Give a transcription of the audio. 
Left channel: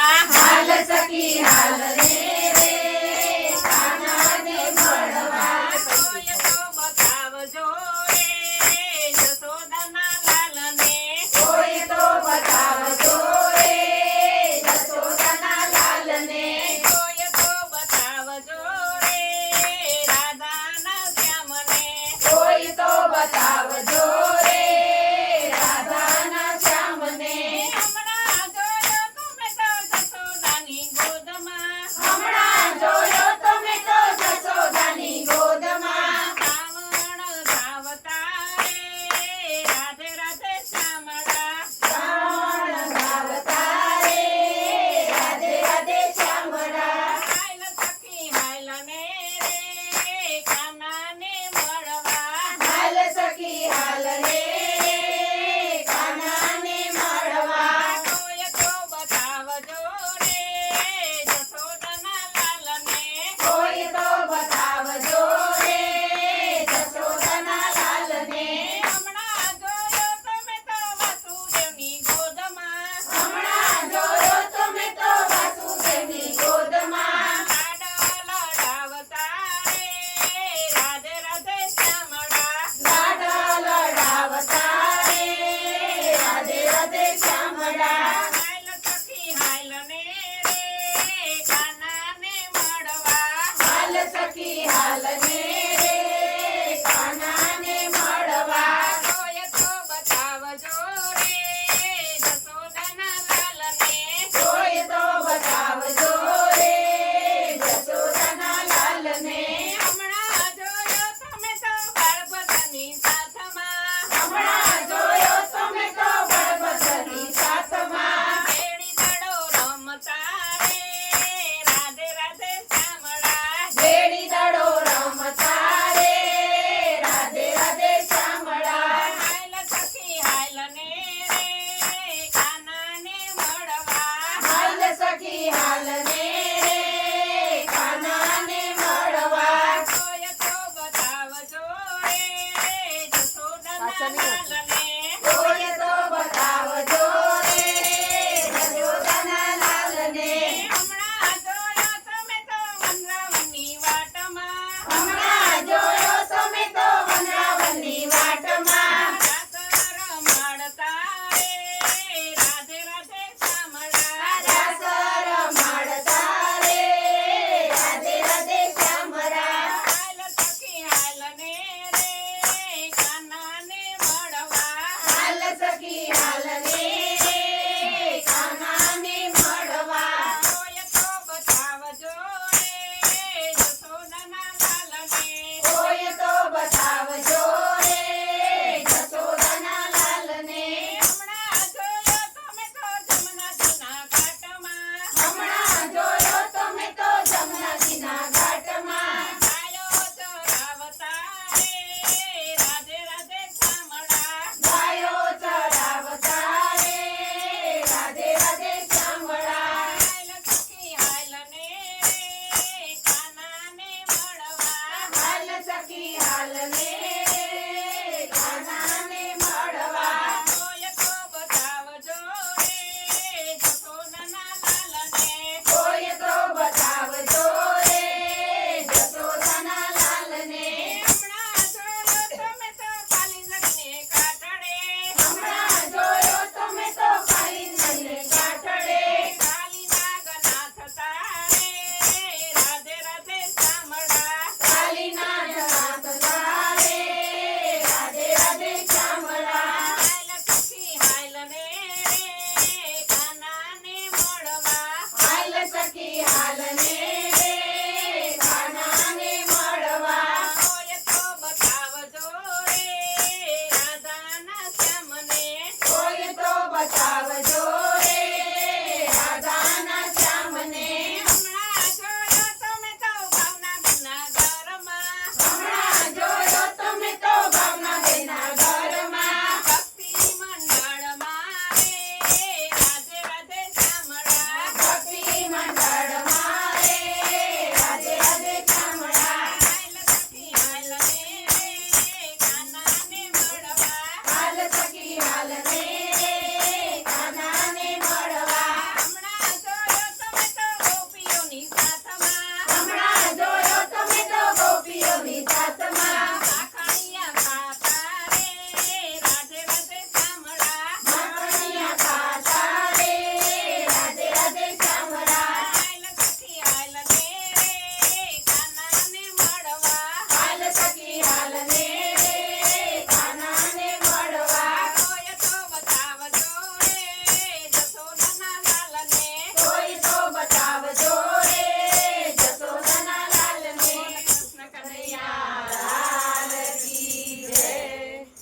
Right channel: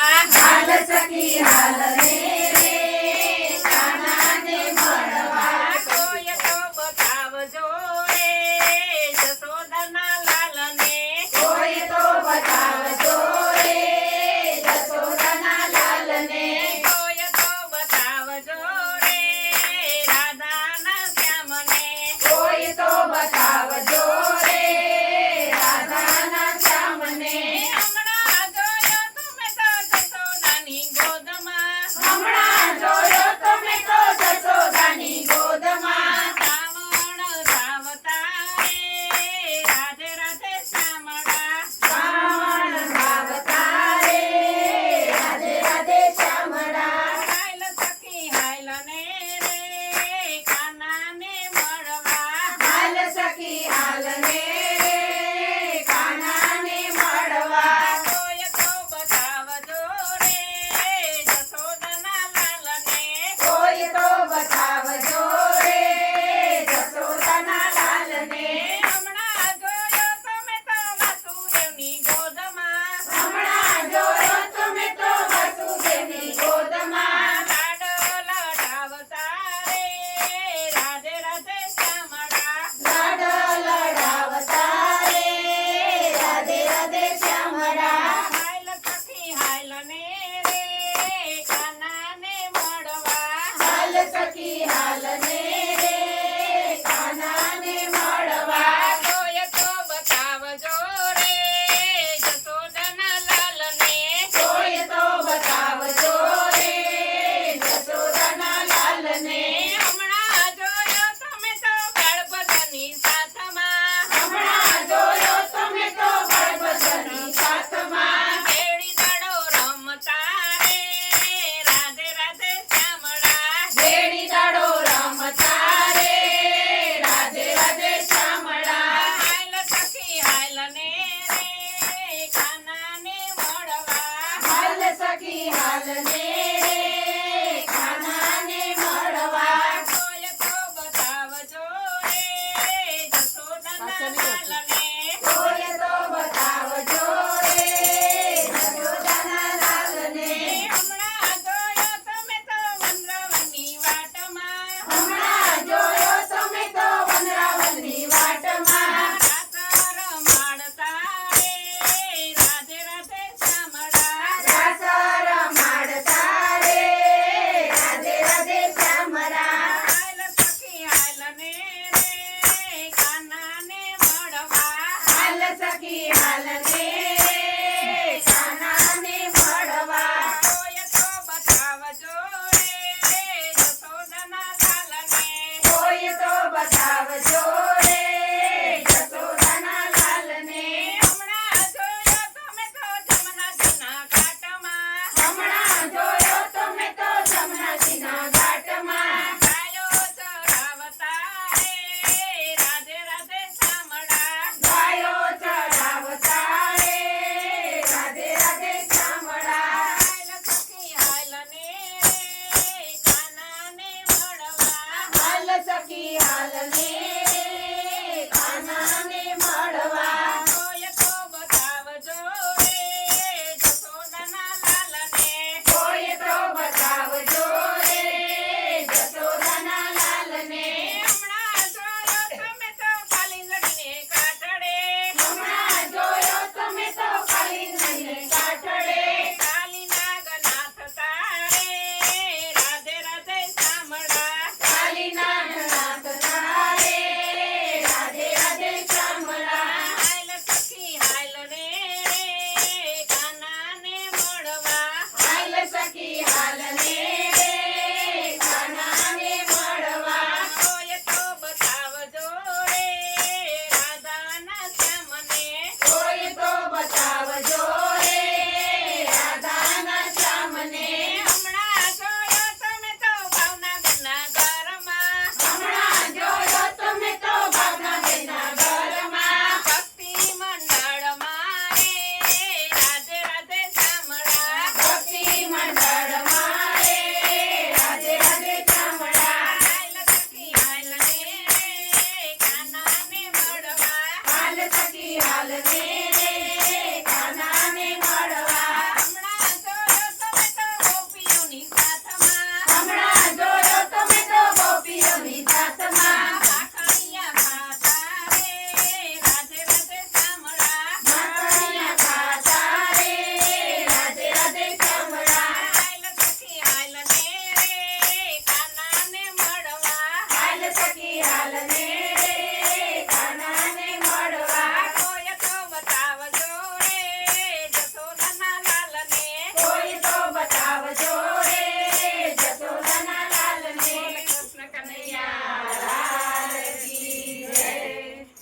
હાલ સખી હાલ રે રે કાનાને મળવા કોઈ તો બતાવજો રે જશોદાના લાલને કોઈ તો બતાવજો રે જશોદાના લાલને કોઈ તો બતાવજો રે રાધાના શ્યામને કોઈ તો બતાવજો રે રાધાના શ્યામને હમણાં જોયો તમે તો જશોદાની ગોદમાં હમણાં જોયો તમે તો જશોદાની ગોદમાં શ્રાવણ સાવતા રે રાધે રાધે શ્યામળા શ્રાવણ ભાવતા રે રાધે રાધે શ્યામળા હાલ સખી હાલ ને રે કાનાને મળવા હાલ સખી હાલ ને રે કાનાને મળવા કોઈ તો બતાવજો રે જશોદાના લાલને કોઈ તો બતાવજો રે જશોદાના લાલને હમણાં જોયો તમે તો વાસુદેવની ગોદમાં હમણાં જોયો તમે તો વાસુદેવની ગોદમાં લાડ લડાવતા રે રાધે રાધે શ્યામળા લાડ લડાવતા રે રાધે રાધે શ્યામળા હાલ સખી હાલ ને રે કાનાને મળવા હાલ સખી હાલ ને રે કાનાને મળવા કોઈ તો બતાવજો રે જશોદાના લાલને કોઈ તો બતાવજો રે જશોદાના લાલને હમણાં જોયો તમે તો બાળભદ્રની સાથમાં હમણાં જોયો તમે તો બળભદ્રની સાથમાં કેળી દાડો રમતા રે રાધે રાધે શ્યામળા બેડી દાડો રમતા રે રાધે રાધે શ્યામળા હાલ સખી હાલ ને રે કાનાને મળવા હાલ સખી હાલ ને